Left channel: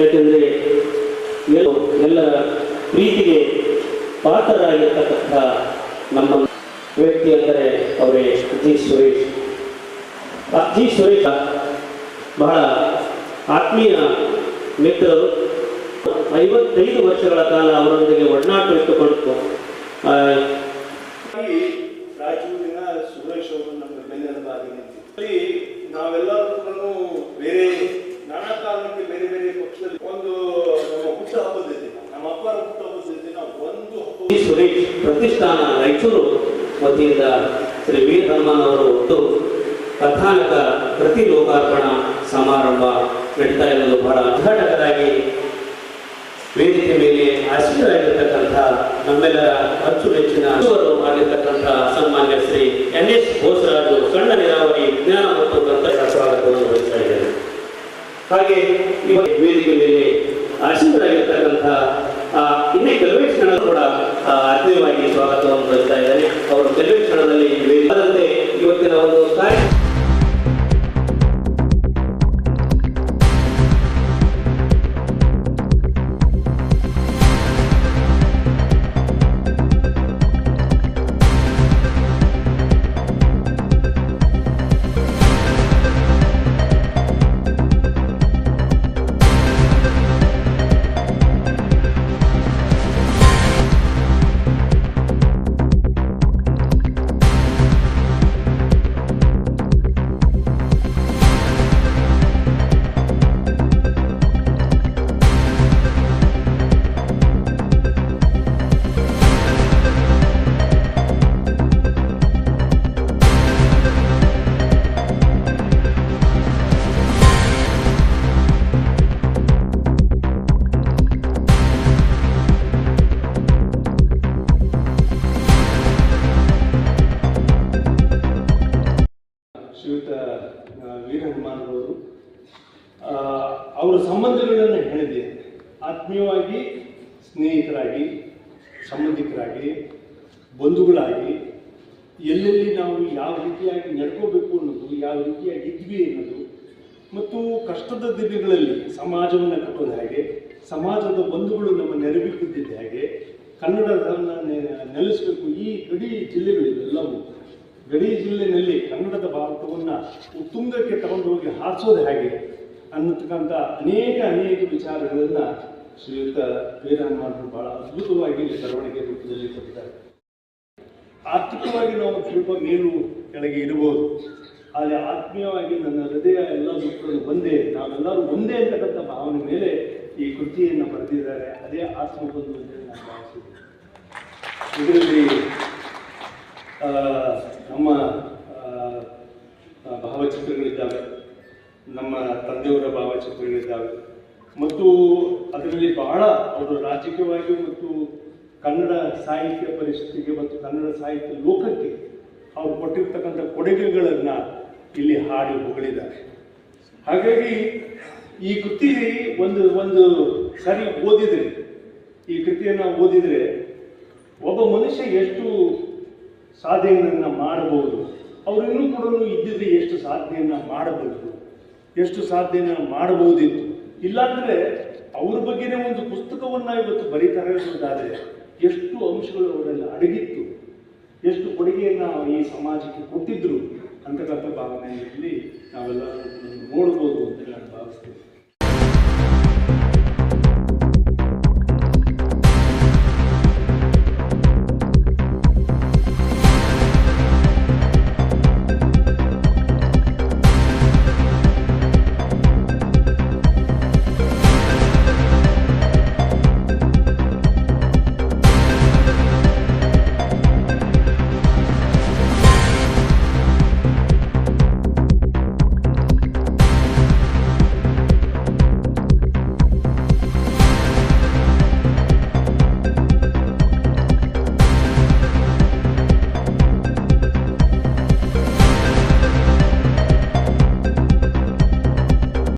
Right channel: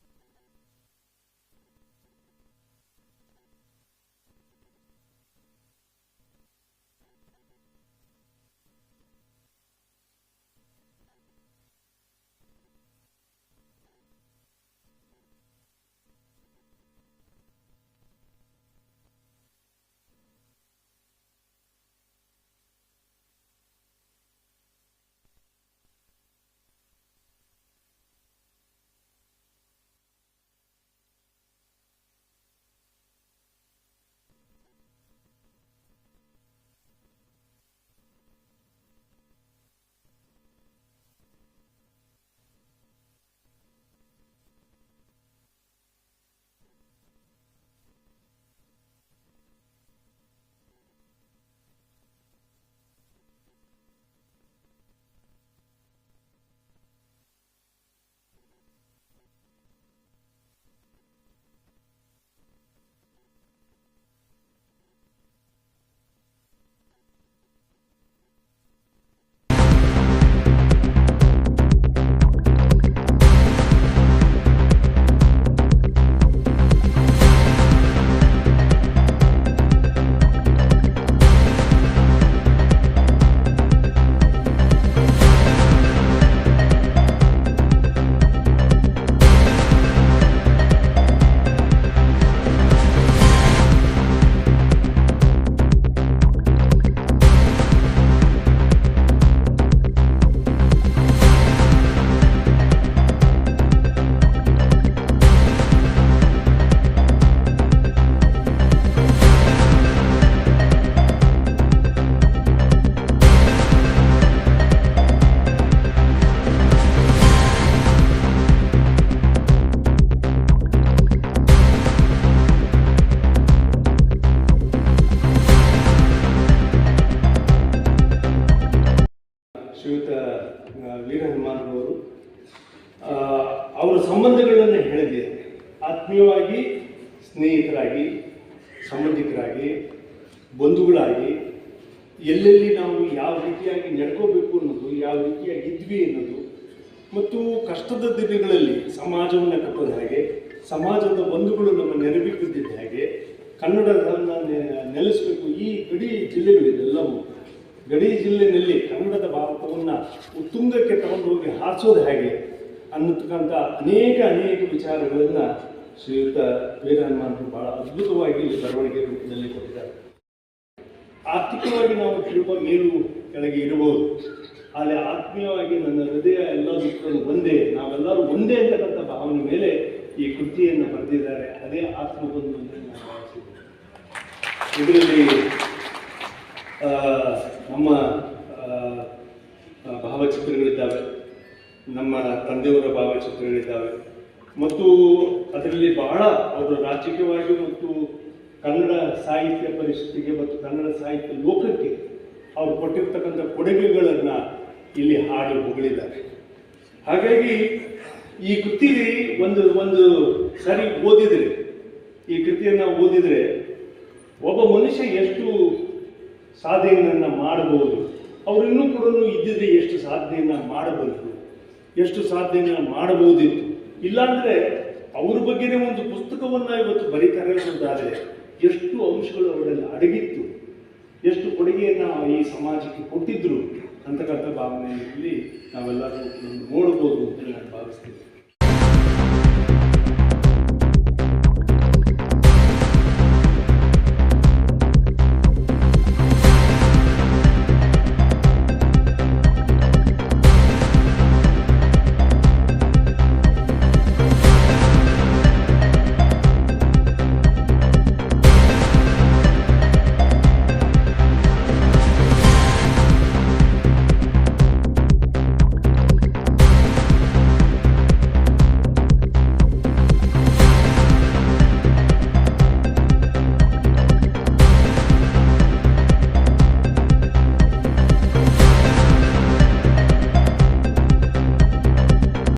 ಯಾಕೆಂದರೆ ಎಲ್ಲ ಪ್ರೀತಿಗೆ ಪಾತ್ರರಾಗಿರ್ತಕ್ಕಂಥ ನಮ್ಮ ವ್ಯಕ್ತಿ ಅಂದರೆ ಅವರೇ ಜಿ ಸುರೇಶ್. ಜಿ ಸುರೇಶ್ ಬಹಳ ಆತ್ಮೀಯ ಮಿತ್ರರು. 55 ವರ್ಷಗಳ ಕಾಲ ಅವರೊಂದಿಗೆ ಒಡನಾಟ ಇಟ್ಟುಕೊಂಡು ರಾಯಚೂರಿನ ಸುರೇಶ್ ಅವರು ನಮ್ಮ ಬೆನ್ನೆಲುಬಾಗಿ ನಿಂತಿದ್ದರು. ನಾವೆಲ್ಲರೂ ಬೇರೆ ನಾನಾ ಕಾರಣಕ್ಕೆ ಬೇರೆ ಬೇರೆ ಪಕ್ಷದಲ್ಲಿ ಒಂದು ನಮ್ಮ ಹುಟ್ಟ ಹಬ್ಬದ ದಿನ, ನಮ್ಮ ಅಪ್ಪರ ಹುಟ್ಟ ಹಬ್ಬದ ದಿನ ಒಂದು ಹಬ್ಬ ಸುರೇಶ್ ಪ್ರತಿಷ್ಠಾನ ರಾಯಚೂರು ವತಿಯಿಂದ ಶ್ರೀ ವೀರ ಹನುಮಾನ್ ಅವರು ಒಟ್ಟು ಕಥಾನಕ ಪ್ರತಿ ಲೋಕಾರ್ಪಣಾ ಸಮಾರಂಭ ನಡೀತಾ ಇರೋದು ಬಹಳ ಉದ್ಘಾಟಕರಾಗಿ ವೇದಿಕೆ ಮೇಲೆ ಆಸೀನರಾಗಿರ್ತಕ್ಕಂಥ ನಮ್ಮೆಲ್ಲರ ಅಚ್ಚುಮೆಚ್ಚಿನ ಆಗಿರ್ತಕ್ಕಂಥ ಸನ್ಮಾನ್ಯ ಶ್ರೀ NS ಬೋಸರಾಜು ಸಣ್ಣ ನೀರಾವರಿ ವಿಜ್ಞಾನ ಮತ್ತು ತಂತ್ರಜ್ಞಾನ ಸ್ವಾಗತವನ್ನು ವಹಿಸ್ತಾ ಇದ್ದಾರೆ. ಹಾಗೆ ವೇದಿಕೆ ಮೇಲೆ ಆಸೀನರಾಗಿರ್ತಕ್ಕಂಥ ಇನ್ನೇ ಕೆಲವೇ ಕ್ಷಣ ಕೂಡ ಆತ್ಮೀಯವಾಗಿ ಸ್ವಾಗತವನ್ನು ವಹಿಸ್ತಾ ಇದ್ದಾರೆ. ಅವರು ಕೆಲವೇ ಕ್ಷಣದಲ್ಲಿ ವೇದಿಕೆ ಇವತ್ತಿನ ಒಂದು ಕಾರ್ಯ ವೀರ ಹನುಮಾನ್ ಅವರು ಅವರ ಸಂಬಂಧಗಳನ್ನು ಹೇಳಿದ್ದಾರೆ. ಆತ್ಮೀಯವಾಗಿ, ಸ್ನೇಹಿತರಾಗಿ, ಸಂಬಂಧಿಕರಾಗಿ, ಬಂಧುಗಳಾಗಿ ಎಲ್ಲೆಲ್ಲಿ ನಾವು ಯಾವ ರೀತಿಯಾಗಿ ನಡ್ಕೋಬೇಕು ಅನ್ನೋದು, ಯಾವ ರೀತಿಯಾಗಿ ಇದ್ವಿ ಅನ್ನೋದು, ಮತ್ತು ಕಷ್ಟದ ದಿನಗಳಲ್ಲಿ ಸಮಾಜವನ್ನು ಕಟ್ಟೋದು ಹೇಗೆ, ಸಮಾಜದ ಬಂಧುಗಳು ನಮ್ಮ ನೆರವಿಕ್ಕಿದ್ದ ಹೇಗೆ, ಕನ್ನಡವನ್ನು ನೆಲೆಸಬೇಕು. ಈ ಗಡಿ ಜಿಲ್ಲೆಗಳಿವೆಲ್ಲವೂ ಗಡಿ ಜಿಲ್ಲೆಯಲ್ಲಿ ಕನ್ನಡದ ಭಾರತವನ್ನು ಉತ್ತುಂಗಕ್ಕೆ ತಗೊಂಡು ಹೋಗಿ ಹಾರಿಸೋದು ಹೇಗೆ ಅನ್ನತಕ್ಕಂಥ ಅನೇಕ ವಿಚಾರಗಳನ್ನು ಶ್ರೀಯುತ ವೀರ ಹನುಮಾನರು ಬಹಳ ಅದ್ಭುತವಾಗಿ ಬರವಣಿಗೆ ರೂಪದಲ್ಲಿ ಕೊಟ್ಟಿದ್ದಾರೆ. ಆರ್ಥಿಕವಾಗಿ ನಾವು ಸ್ವಲ್ಪ ಮೇಲು ಕೆಳಗೆ ಇರಬಹುದು, ಆದರೆ ಆತ್ಮೀಯವಾಗಿ ನನ್ನ ಹೃದಯ ಎಲ್ಲ ದುಃಖಗಳು ಒಂದೇ, ನಾವೆಲ್ಲರೂ ಒಂದೇ ಅಂತಕ್ಕಂಥ ಭಾವನೆ ಮೇಲೆ ಈ ಕೃತಿಯನ್ನು ಬರೆದಿದ್ದಾರೆ. ಅದೇ ಆತ್ಮಬಂಧು ಅಂತ ನಾನು ಭಾವಿಸಿದ್ದೇನೆ. ಇದರಲ್ಲಿ ನಮ್ಮ ಭಾವಚಿತ್ರಗಳಿದ್ದಾವೆ, ನಮ್ಮ ತಂದೆಯವರ ಭಾವಚಿತ್ರಗಳಿದ್ದಾವೆ, ಮತ್ತು ಅದರಲ್ಲಿ ಬಹಳ ಅವರು ರಾಜಕೀಯವಾಗಿ ಮತ್ತು ಕನ್ನಡ ಸಾಹಿತ್ಯ ಪರಿಸ್ಥಿತಿಗೆ ಮತ್ತು ಕನ್ನಡ ಸಾಹಿತ್ಯ ಲೋಕಕ್ಕೆ ಅವರು ಕೊಟ್ಟಿರ್ತಕ್ಕಂಥ ಕೊಡುಗೆಗಳನ್ನು ಇಲ್ಲಿ ಹಾಡಿ ಹೊಗಳಿದ್ದಾರೆ. ಹಾಗಾಗಿ ಈ ಕೃತಿ ಒಂದು ಸರಿ ಓದಿದರೆ, ಈ ಕೃತಿಯನ್ನು ಓದಿದರೆ ಒಬ್ಬ ಮನುಷ್ಯ ಎಷ್ಟು ಸಾಧನೆಯನ್ನು ಮಾಡಬಹುದು, ಅವರು ಇನ್ನೂ ಕೂಡ ಇದ್ದಿದ್ರೆ ಎಷ್ಟು ಸಾಧನೆಯನ್ನು ಮಾಡಬಹುದು, ಎಷ್ಟು ಸಾಧನೆಯನ್ನು ಮಾಡಬಹುದಿತ್ತು. ಇಲ್ಲಾಂದರೆ ಅವ್ರ ಬಗ್ಗೆನೇ ಒಂದು ಪುಸ್ತಕವನ್ನು ಇವತ್ತು ಬರೀತಾರೆ ಅನ್ನೋದಾದರೆ ಎಷ್ಟು ಅಂಶಗಳು ಅವರಲ್ಲಿ ಅಡಗಿತ್ತು, ಎಷ್ಟು ಕೊಡುಗೆಯನ್ನು ಈ ಸಮಾಜಕ್ಕೆ ಕೊಟ್ಟಿದ್ರು ಅಂತಕ್ಕಂಥ ಭಾವನೆಯಲ್ಲಿ ನಾವೆಲ್ಲರೂ ನೋಡ್ಬೋದು ಅಂತ ನಾನು ಭಾವಿಸ್ತೀನಿ.